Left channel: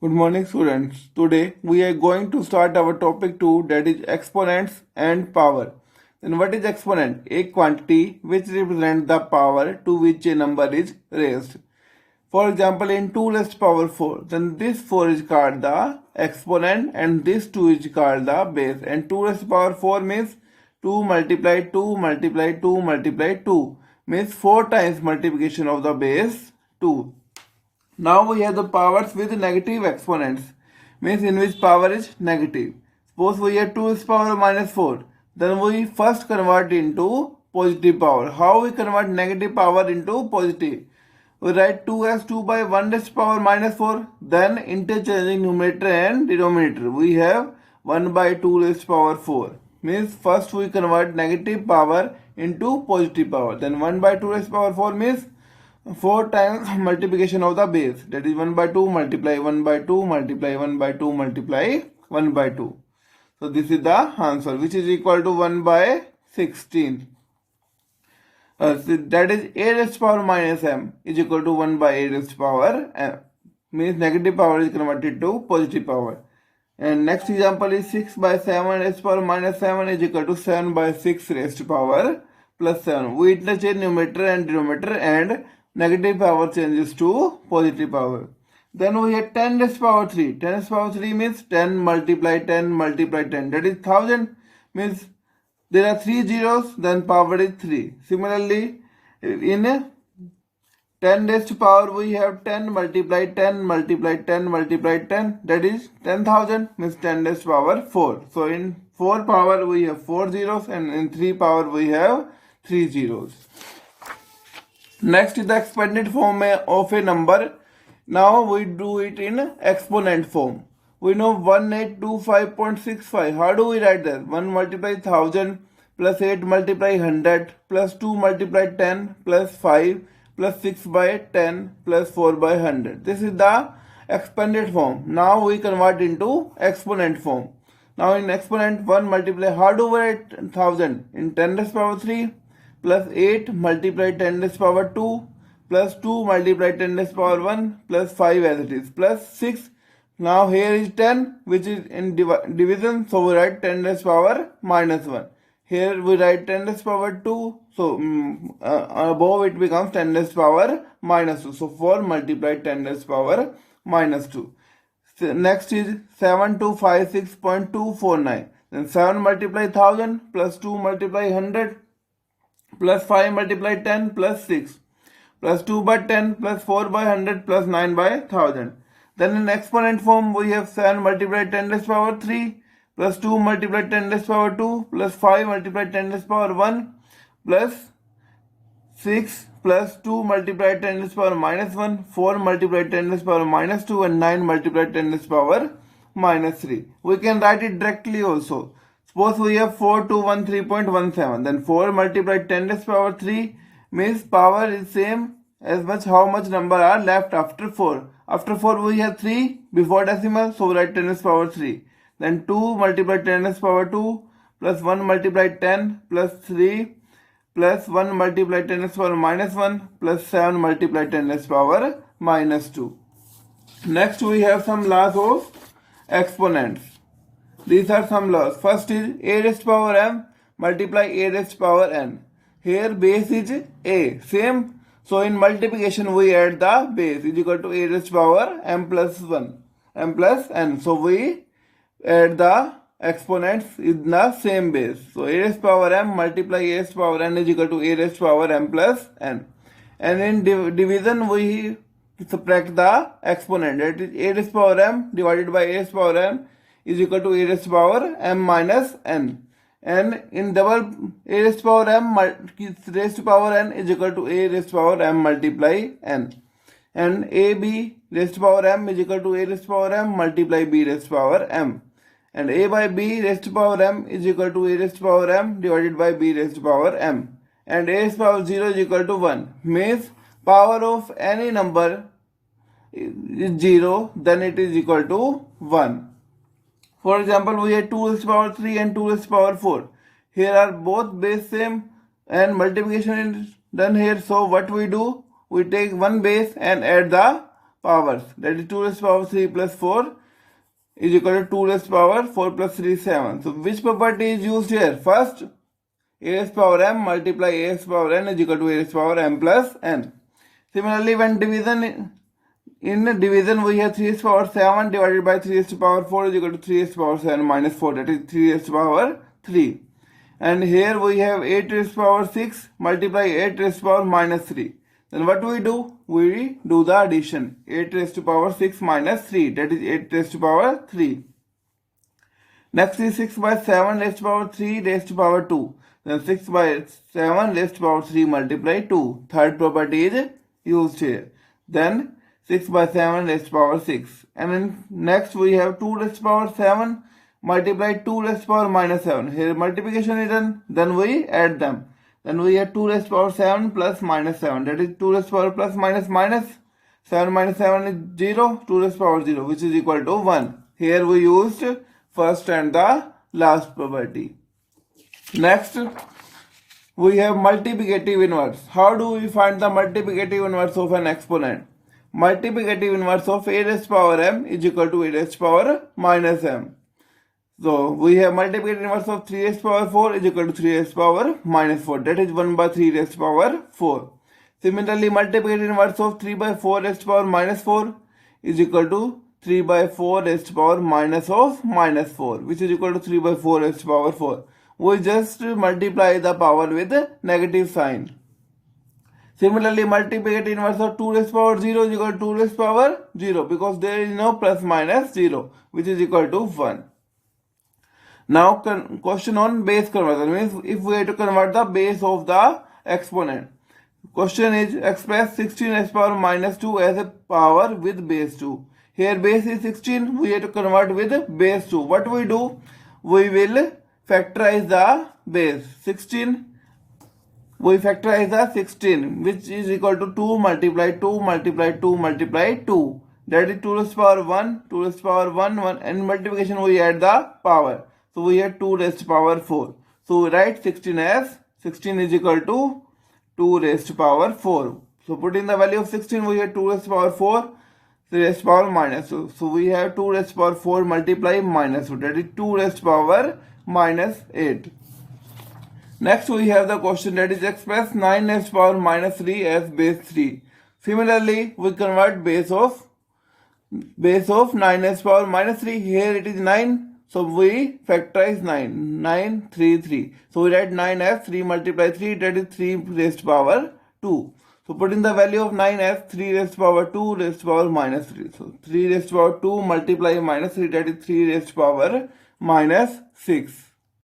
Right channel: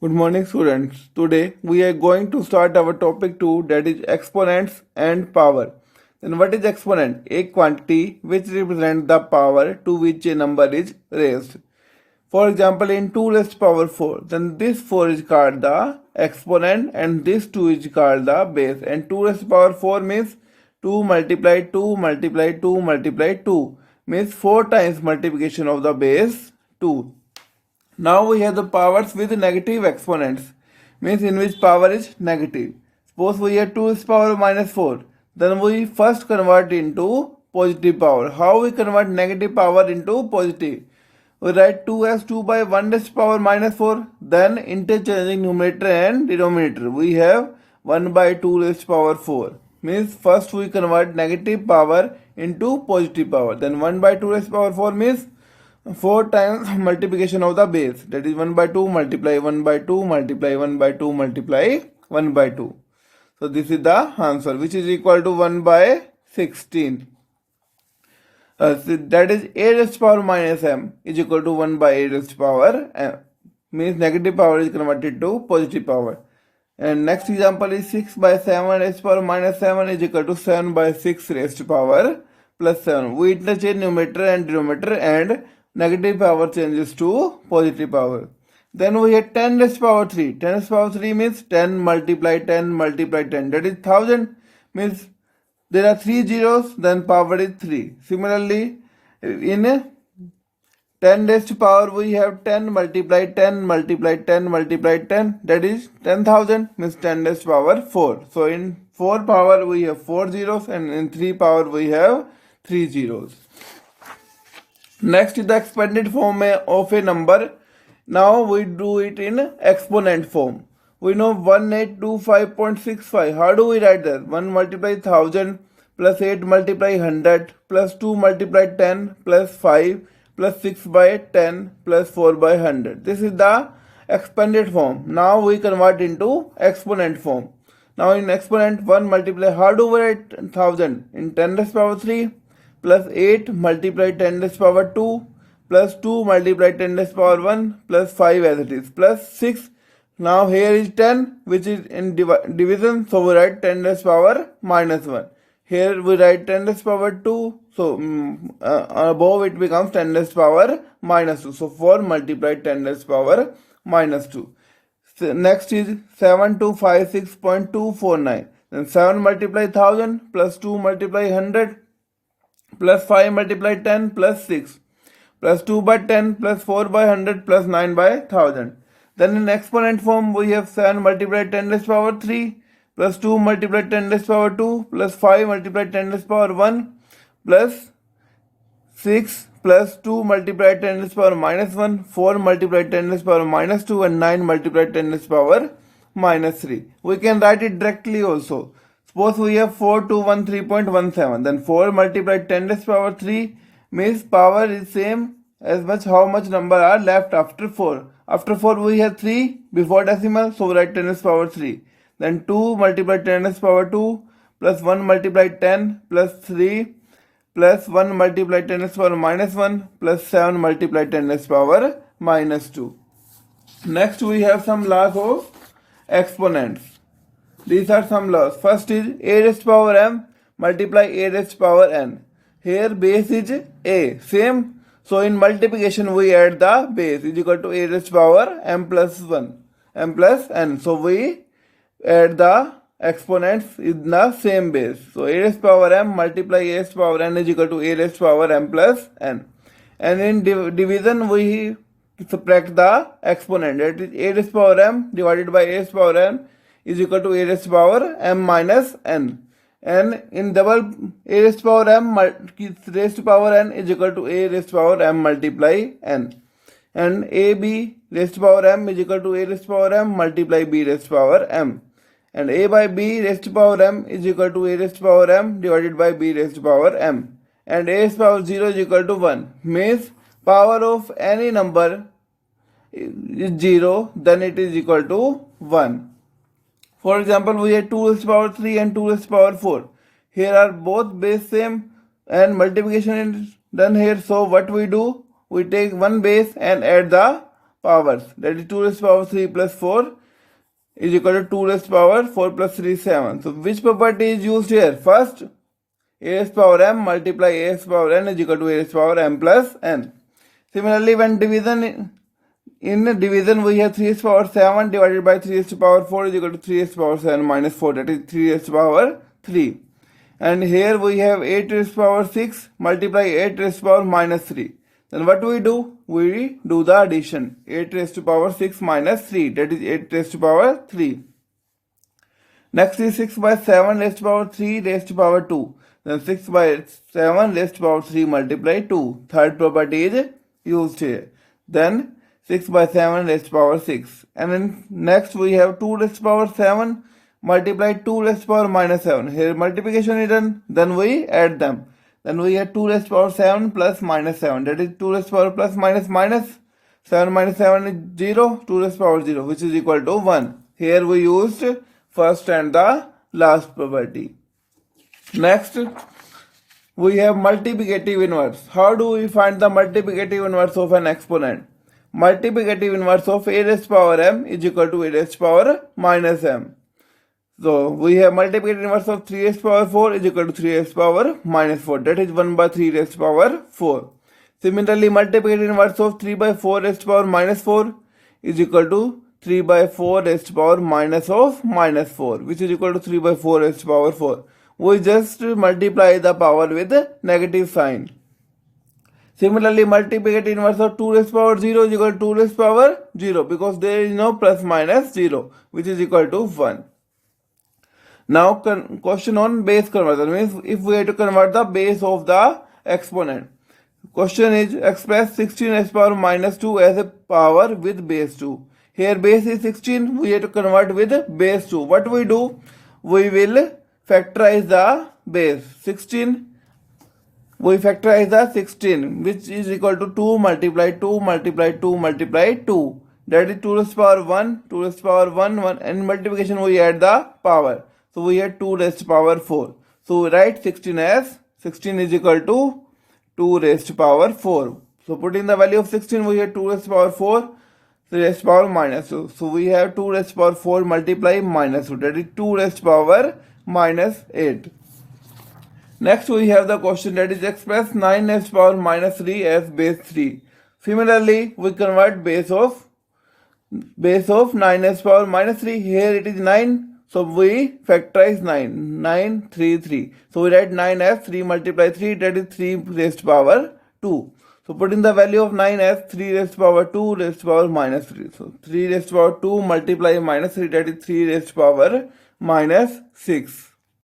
Good morning, students. Today we are going to start our topic 2, that is exponents and power. Then what is exponent? A quantity which represents the power to which a number is raised. For example, in 2 raised power 4, then this 4 is called the exponent and this 2 is called the base. And 2 raised power 4 means 2 multiplied 2 multiplied 2 multiplied 2 means 4 times multiplication of the base 2. Now we have the powers with negative exponents, means in which power is negative. Suppose we have 2 is power minus 4, then we first convert into positive power. How we convert negative power into positive? We write 2 as 2 by 1 raised power minus 4, then interchanging numerator and denominator. We have 1 by 2 raised power 4. Means first we convert negative power into positive power. Then 1 by 2 raised power 4 means 4 times multiplication of the base, that is 1 by 2 multiply 1 by 2 multiply 1 by 2 multiply 1 by 2. So this is the answer, which is equal to 1 by 16. So that is a raised power minus m is equal to 1 by a raised power m, means negative power is converted to positive power. And next example is 6 by 7 raised power minus 7 is equal to 7 by 6 raised power plus 7. We interchange numerator and denominator and negative power changes to positive power. Then we have 10 raised power 3. 10 raised power 3 means 10 multiply 10 multiply 10. That is 1000, means there are 3 zeros, then power is 3. Similarly, in 10 raised power we have 10 multiply 10 multiply 10 multiply 10. That is 10,000, means 10 raised power 4. So in 4 power we have 4 zeros and in 3 power we have 3 zeros. Next is the expanded form of a number. Now we do it in exponent form. We know 1825.65. How do we write that? 1 multiply 1000 plus 8 multiply 100 plus 2 multiply 10 plus 5 plus 6 by 10 plus 4 by 100. This is the expanded form. Now we convert into exponent form. Now in exponent 1 multiply, how do we write 1000? In 10 raised power 3 plus 8 multiply 10 raised power 2 plus 2 multiply 10 raised power 1 plus 5 as it is plus 6. Now here is 10 which is in division, so we write 10 raised power minus 1. Here we write 10 raised power 2, so above it becomes 10 raised power minus 2. So 4 multiply 10 raised power minus 2. So next is 7256.249. Then 7 multiply 1000 plus 2 multiply 100 plus 5 multiply 10 plus 6 plus 2 by 10 plus 4 by 100 plus 9 by 1000. Then in exponent form we have 7 multiply 10 raised power 3 plus 2 multiply 10 raised power 2 plus 5 multiply 10 raised power 1 plus 6 plus 2 multiply 10 raised power minus 1, 4 multiply 10 raised power minus 2 and 9 multiply 10 raised power minus 3. We can write it directly also. Suppose we have 4213.17, then 4 multiplied 10 raised power 3 means power is same as much how much number are left after 4. After 4 we have 3 before decimal, so we write 10 raised power 3. Then 2 multiplied 10 raised power 2 plus 1 multiplied 10 plus 3 plus 1 multiplied 10 raised power minus 1 plus 7 multiplied 10 raised power minus 2. Next we have some laws of exponents. These are some laws. First is a raised power m multiply a raised power n. Here base is a, same. So in multiplication we add the base is equal to a raised power m plus 1, m plus n. So we add the exponents in the same base. So a raised power m multiply a raised power n is equal to a raised power m plus n. And in division we subtract the exponent, that is a raised power m divided by a raised power m is equal to a raised power m minus n. And in double, a raised power m raised power n is equal to a raised power m multiply n. And ab raised power m is equal to a raised power m multiply b raised power m. And a by b raised power m is equal to a raised power m divided by b raised power m. And a raised power 0 is equal to 1. Means power of any number is 0, then it is equal to 1. For example, we have 2 raised power 3 and 2 raised power 4. Here are both base same and multiplication is done here. So what we do? We take one base and add the powers. That is 2 raised to power 3 plus 4 is equal to 2 raised to power 4 plus 3 is 7. So which property is used here? First, a raised to power m multiply a raised to power n is equal to a raised to power m plus n. Similarly, when in division we have 3 raised to power 7 divided by 3 raised to power 4 is equal to 3 raised to power 7 minus 4, that is 3 raised to power 3. And here we have 8 raised to power 6 multiply 8 raised to power minus 3. Then what do? We do the addition. 8 raised to power 6 minus 3, that is 8 raised to power 3. Next is 6 by 7 raised to power 3 raised to power 2. Then 6 by 7 raised to power 3 multiply 2. Third property is used here. Then 6 by 7 raised to power 6. And then next we have 2 raised to power 7 multiply 2 raised to power minus 7. Here multiplication is done. Then we add them. Then we have 2 raised to power 7 plus minus 7. That is 2 raised to power plus minus minus. 7 minus 7 is 0. 2 raised to power 0, which is equal to 1. Here we used first and the last property. Next, we have multiplicative inverse. How do we find the multiplicative inverse of an exponent? Multiplicative inverse of a raised to power m is equal to a raised to power minus m. So we have multiplicative inverse of 3 raised to power 4 is equal to 3 raised to power minus 4. That is 1 by 3 raised to power 4. Similarly, multiplicative inverse of 3 by 4 raised to power minus 4 is equal to 3 by 4 raised to power minus of minus 4, which is equal to 3 by 4 raised to power 4. We just multiply the power with negative sign. Similarly, multiplicative inverse of 2 raised to power 0 is equal to 2 raised to power 0 because there is no plus minus 0, which is equal to 1. Now, question on base conversion means if we have to convert the base of the exponent. Question is express 16 raised to power minus 2 as a power with base 2. Here base is 16, we have to convert with base 2. What we do? We will factorize the base 16. We factorize the 16, which is equal to 2 multiply 2 multiply 2 multiply 2. That is 2 raised to power 1, 2 raised to power 1, 1. And multiplication we add the power. So we have 2 raised to power 4. So we write 16 as 16 is equal to 2 raised to power 4. So put in the value of 16, we have 2 raised to power 4, 3 raised to power minus 2. So we have 2 raised to power 4 multiply minus 2. That is 2 raised to power minus 8. Next we have the question that is express 9 raised to power minus 3 as base 3. Similarly, we convert base of 9 raised to power minus 3. Here it is 9. So we factorize 9. 9, 3, 3. So we write 9 as 3 multiply 3, that is 3 raised to power 2. So put in the value of 9 as 3 raised to power 2 raised to power minus 3. So 3 raised to power 2 multiply minus 3, that is 3 raised to power minus 6.